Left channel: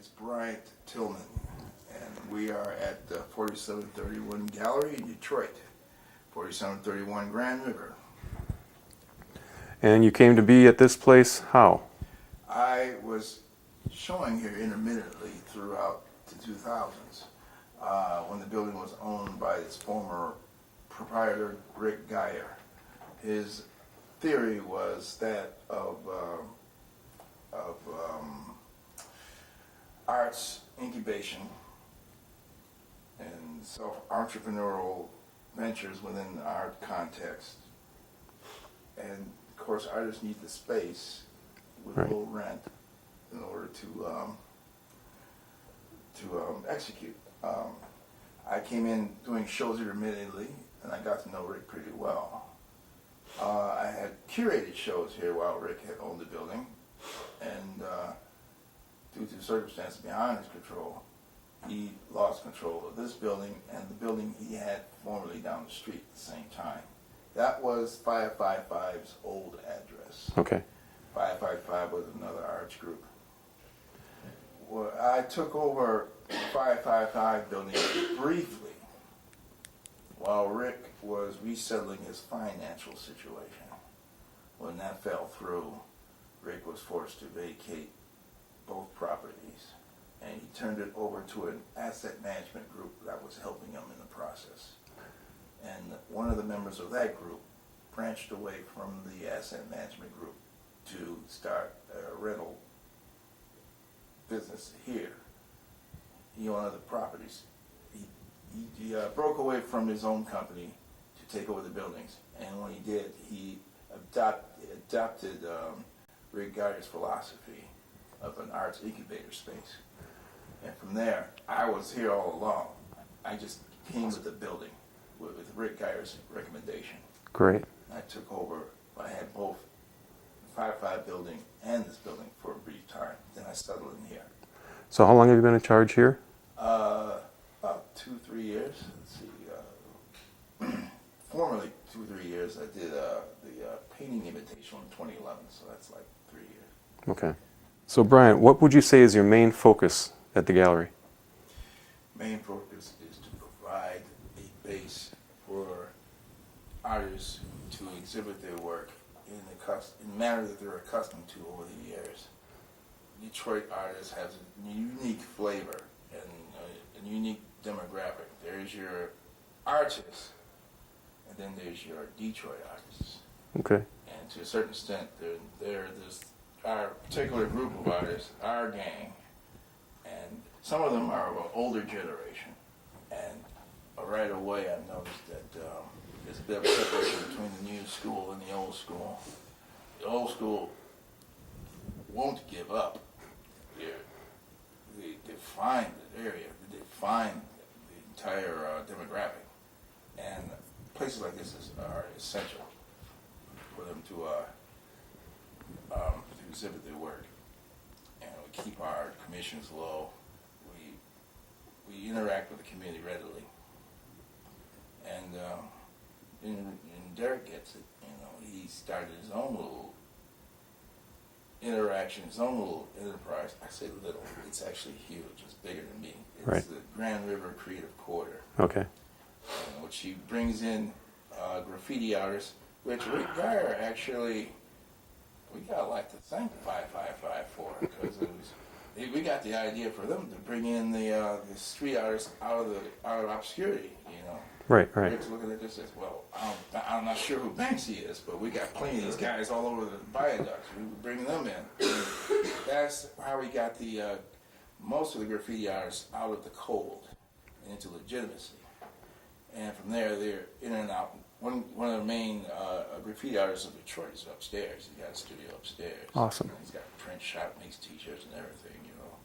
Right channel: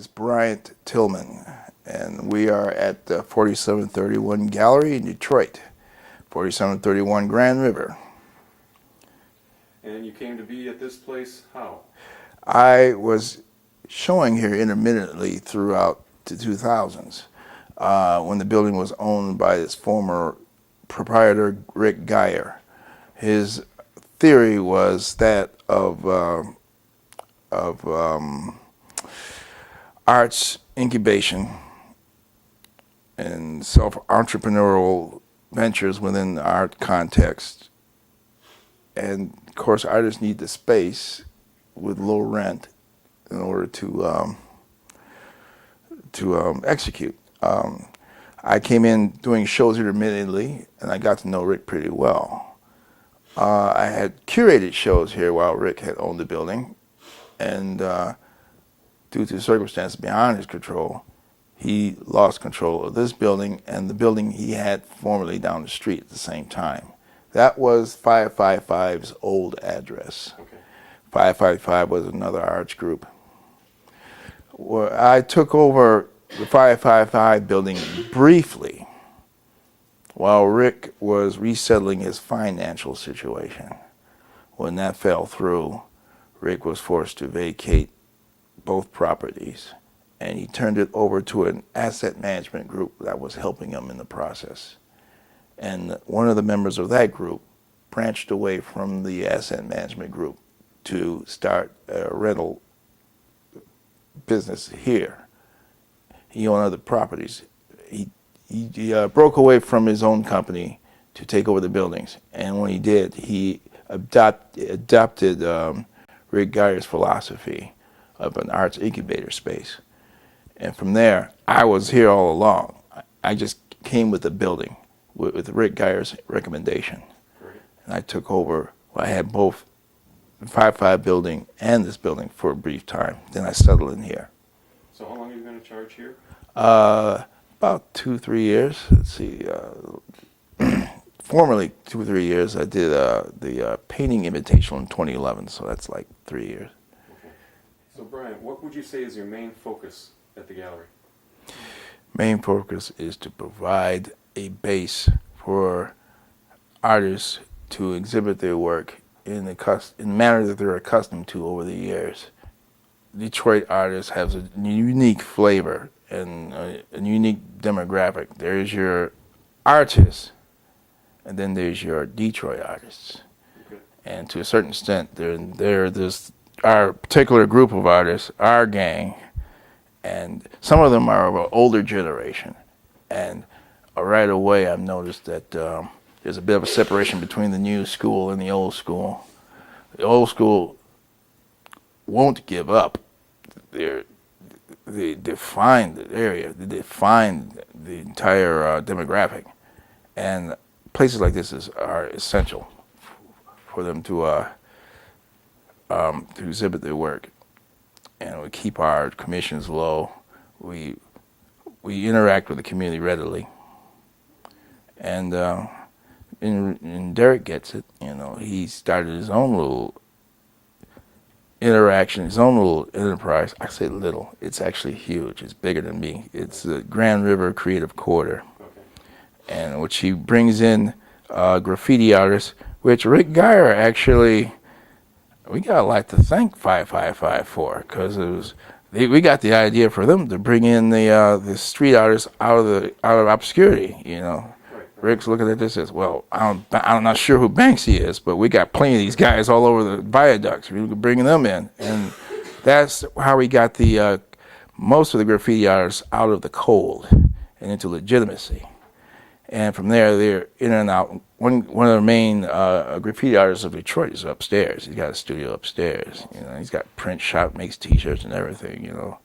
is Bryant Tillman, and we are at the 4731 Gallery in Detroit, 4731 Grand River. And you came to be at this place how? I was showing here intermittently throughout the 2000s when the building was owned by its former proprietor, Rick Geyer. His theory was that of arts incubation and self-entrepreneurial ventures within the art context. And of course, artists need the space with low rent in order to execute. I came in doing shows intermittently, and I got to know Rick pretty well. I had curated shows here while Rick had owned the building, and due to circumstances beyond his control, he lost control of this building and the building he had formerly down the street at the same time. That was 555's old address. Okay. 555 was another arts group. Well, I took over the 555 building briefly while Rick was resettling his financial situation. When that fell through, Rick was forced to vacate both properties, and he turned it over to an asset management group that was helping him in the process. And one of the members of that group branched away from the asset management group to start a rental business here. He owned other properties. He broke away from his own company to take over the buildings, and when he did, he adopted Rick Geyer's philosophy of an arts incubator space. And from there, I was here all along. I just came with the building, with Rick Geyer's recommendation. Great. And I took over. I had both the 555 building and this building for a brief time. Then I settled in here. So how long have you been in charge here? About 2-3 years. Let's see. Formerly 2-3 years. I did the painting invitation in 2011, so that's like 3 years. Okay. So Bryant, what would you say is your main focus at the gallery? Main focus is to provide a base for artists to exhibit their work in the manner that they're accustomed to over the years. Detroit artists have a unique flavor and a unique demographic. There's your artists, and then there's your Detroit artists. Okay. And to a certain extent, there's our particular group of artists, our gang, and some of them are of an older generation. And right away I've noticed that there's a bit of a separation between the new school and the old school. The old school won't give up. They define the area, they define the entire demographic. And places like this are essential for them to exhibit their work. And we keep our commissions low. We interact with the community readily. And Derek gets it. You know, he started his own little interaction, his own little enterprise. I say little. It's actually huge. It's bigger than me. It's the Grand River Creative Quarter. Okay. And which he brings in graffiti artists, which Rick Geyer actually. We got a lot to thank 555 for, because we got the idea for them to bring in the street artists out of obscurity. You know, right. Rick's looking at this as well. I'm not sure who Banksy is, but we got plenty of these guys all over the viaducts. We could bring them in, and that's how we got the most of the graffiti artists out of the cold and into legitimacy. And from there, they're in and out. One of the main graffiti artists of Detroit is upstairs. He's got a studio upstairs. Awesome. You know, he's got print shop, makes T-shirts and everything, you know.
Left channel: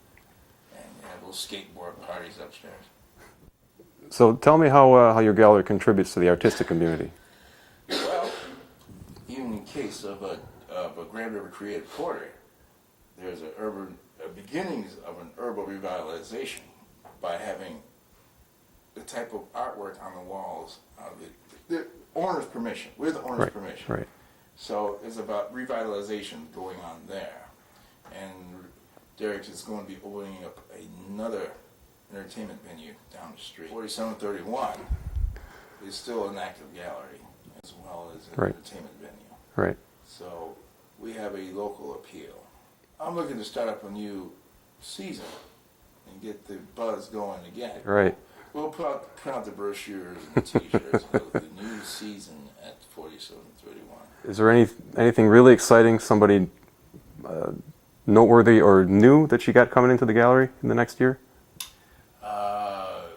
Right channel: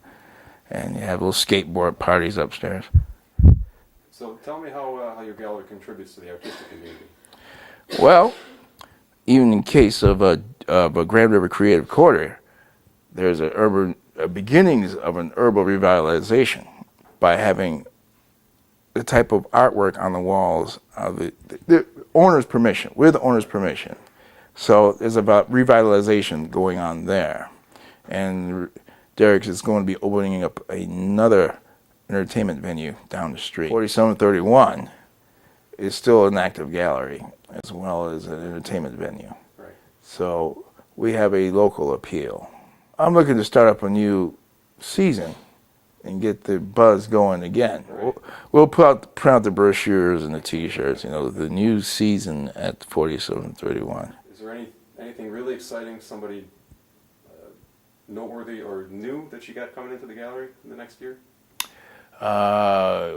And you have little skateboard parties upstairs. So tell me how your gallery contributes to the artistic community. Well, even in case of a Grand River Creative Quarter, there's a beginnings of an urban revitalization by having the type of artwork on the walls of the owner's permission, with the owner's permission. Right. So there's about revitalization going on there. And Derrick's is going to be opening up another entertainment venue down the street. 4731 is still an active gallery as well as an entertainment venue. Right. So we have a local appeal. I'm looking to start up a new season and get the buzz going again. Right. We'll print out the brochures and the T-shirts, the new season at 4731. Is there anything really exciting, somebody noteworthy or new that you got coming into the gallery in the next year?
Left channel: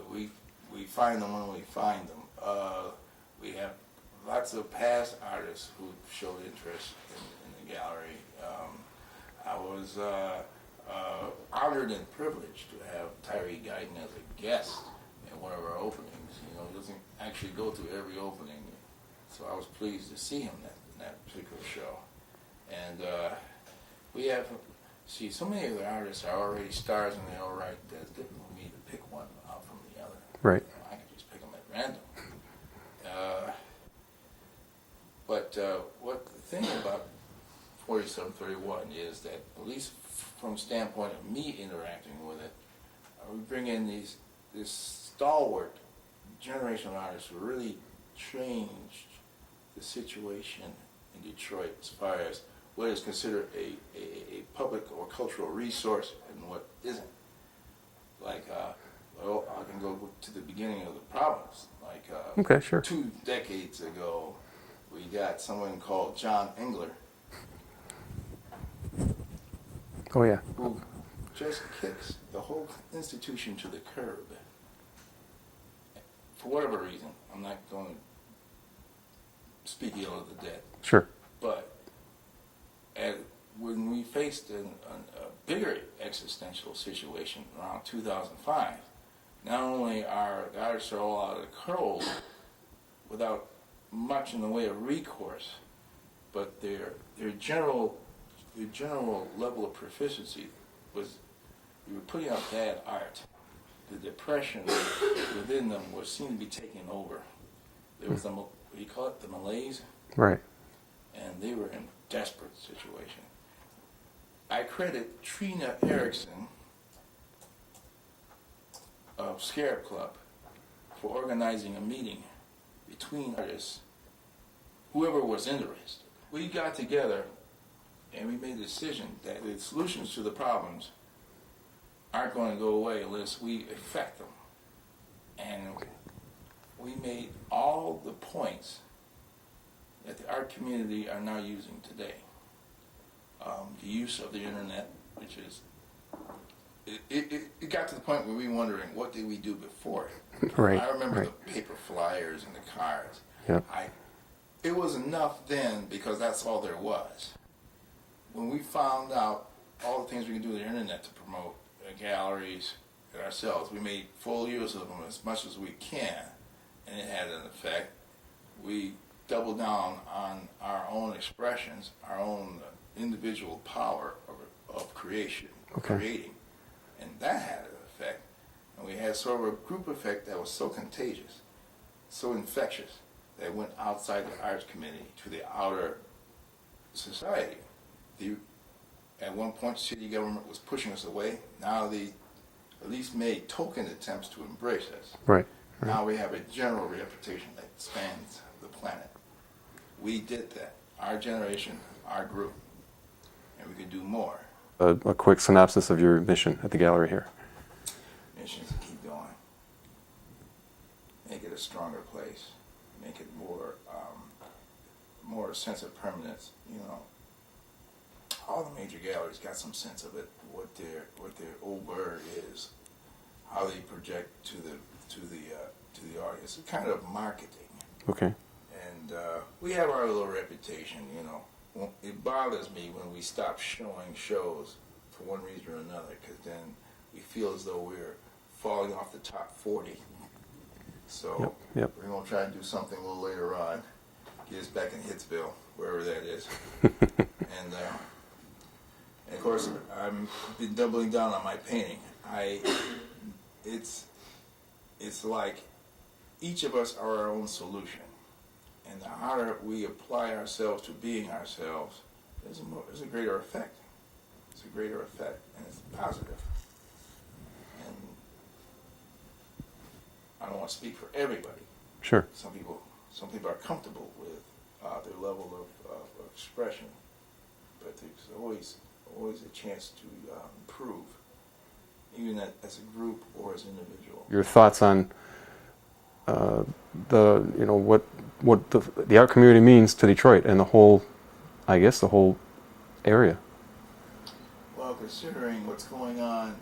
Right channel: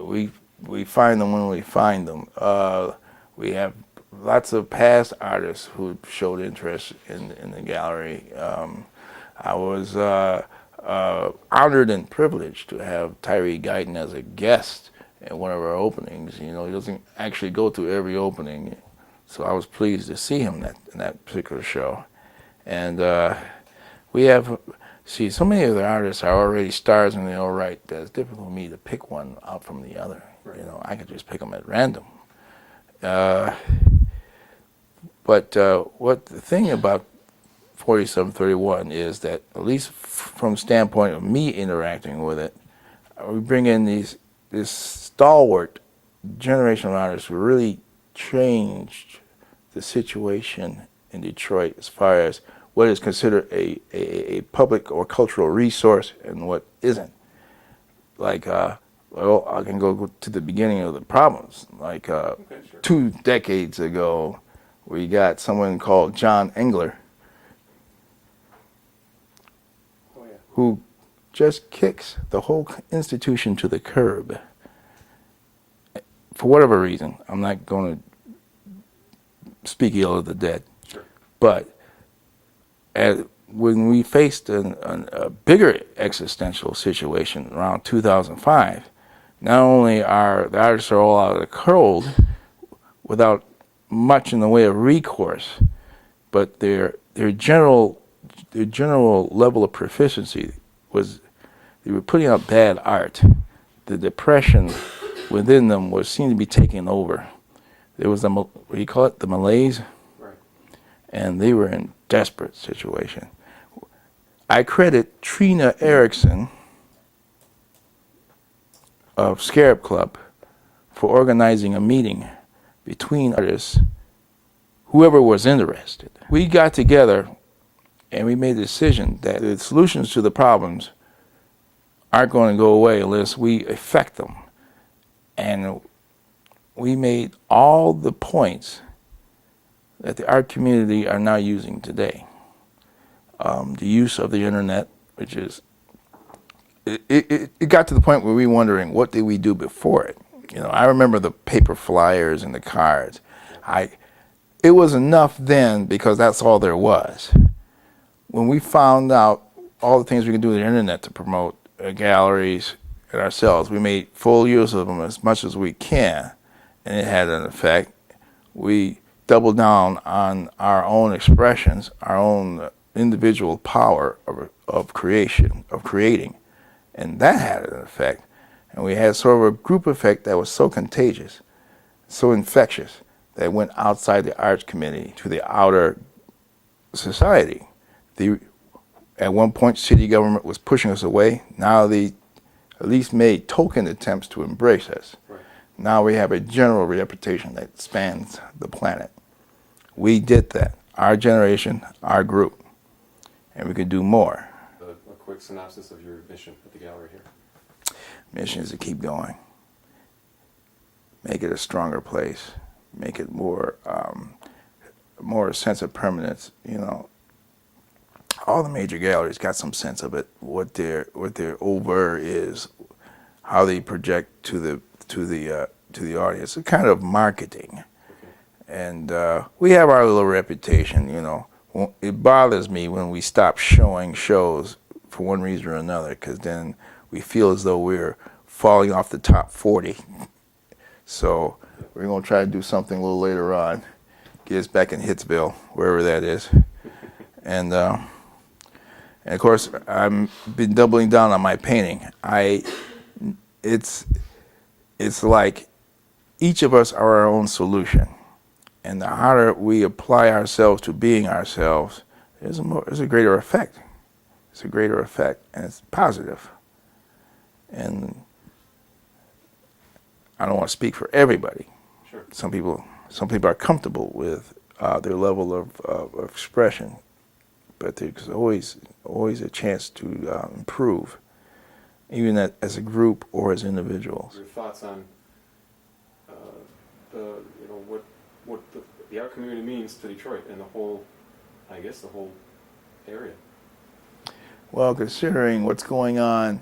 We find them when we find them. We have lots of past artists who showed interest in the gallery. I was honored and privileged to have Tyree Guyton as a guest at one of our openings. He doesn't actually go to every opening, so I was pleased to see him in that particular show. And we have, so many of the artists are already stars in their own right that it's difficult for me to pick one out from the other. Right. I could just pick them at random. But what the thing about 4731 is that, at least from the standpoint of me interacting with it, we bring in this stalwart generation of artists who really changed the situation in Detroit as far as what is considered a public or cultural resource and what isn't. Like, well, I can go to the beginning of the problems. Like, okay, sure. 2 decades ago, we got someone called John Engler. Oh, yeah. Who just kicks the whole institution to the curb. For whatever reason, I'm not going to speak ill of the dead. Sure. But when we faced a bigger existential situation around 2005, not only are the artists are all out of the cold without much in the way of recourse, but their general level of proficiency was they were putting out bad art. The depression within them seemed to be taking over. There was what do you call it, the malaise? Right. And they were in desperate situation. I credit Trina Erickson of Scarab Club for organizing a meeting between artists, whoever was interested. We got together and we made a decision that the solutions to the problems aren't going to go away unless we affect them. And we made all the points that the art community are now using today. The use of the internet, which is, it got to the point where we were wondering, what did we do before it? I remember the paper flyers and the cards. Yeah. It was enough then because that's all there was. When we found out all the things we can do with the internet to promote galleries and ourselves, we made full use of them as much as we can, and it had an effect. We doubled down on our own expressions, our own individual power of creating, and that had an effect. And we had sort of a group effect that was so contagious, so infectious, that it went outside the arts community to the outer society. At one point, city government was pushing us away. Now they at least made token attempts to embrace us. Right. Now we have a general reputation that spans the planet. We did that, our generation, our group, and we could do more. A quick synopsis of your mission at the gallery here. Mission is to keep going. Make it a stronger place. Make it more sense of permanence. All the major galleries got some sense of it. What their over is, how they project to the audience. It's kind of marketing. Okay. And we have our little reputation. It bothers me when we stop showing shows for one reason or another, because then we feel as though we're falling off the top 40. So we're going to try to do something a little later on. Get us back in Hitsville, wherever that is. And of course, I've been doubling down on my painting. It's like each of us are our own solution. And the harder we apply ourselves to being ourselves, there's a greater effect. it's a greater effect, and it's positive. And I don't want to speak for everybody. Sure. Some people are comfortable with their level of expression, but there's always a chance to improve, even as a group or as individuals. Your thoughts on what the art community means to Detroit and the whole area. Well, considering what's going on,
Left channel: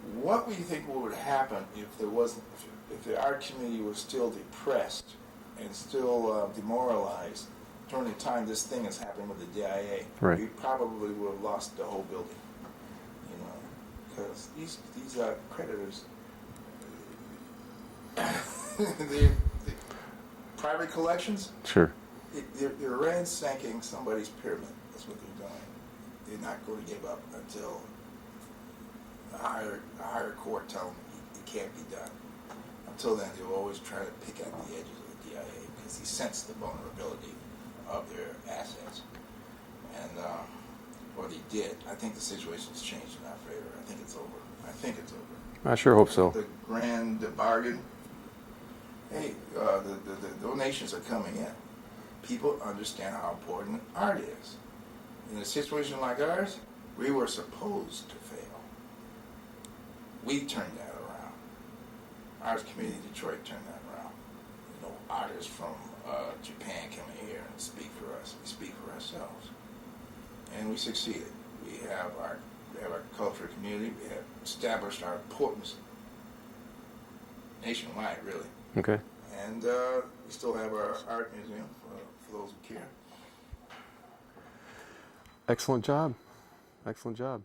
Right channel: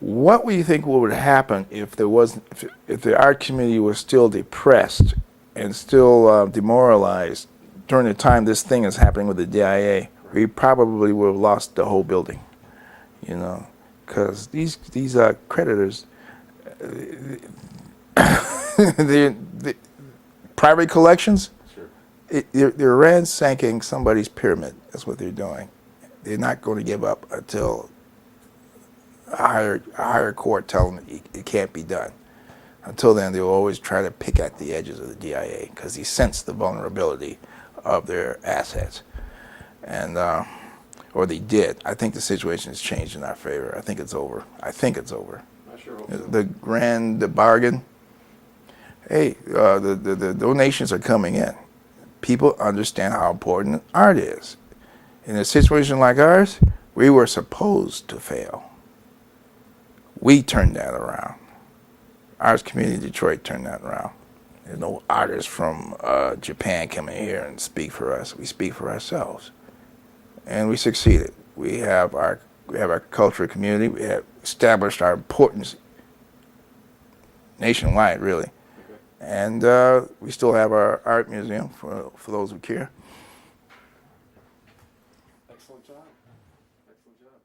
what would you think would happen if if the art community was still depressed and still demoralized during the time this thing is happening with the DIA? Right. We probably would have lost the whole building, because these creditors, the private collections. Sure. They're ransacking somebody's pyramid. That's what they're doing. They're not going to give up until a higher court tells them it can't be done. Until then, they'll always try to pick at the edges of the DIA because they sense the vulnerability of their assets, and or they did. I think the situation has changed in our favor. I think it's over. I sure hope so. The bargain. Hey, the donations are coming in. People understand how important art is. In a situation like ours, we were supposed to fail. We turned that around. Arts community in Detroit turned that around. There's no artists from Japan coming here and speak for us. We speak for ourselves, and we succeeded. We have our cultural community. We have established our importance nationwide, really. Okay. And we still have our art museum for those who care. Excellent job. Excellent job.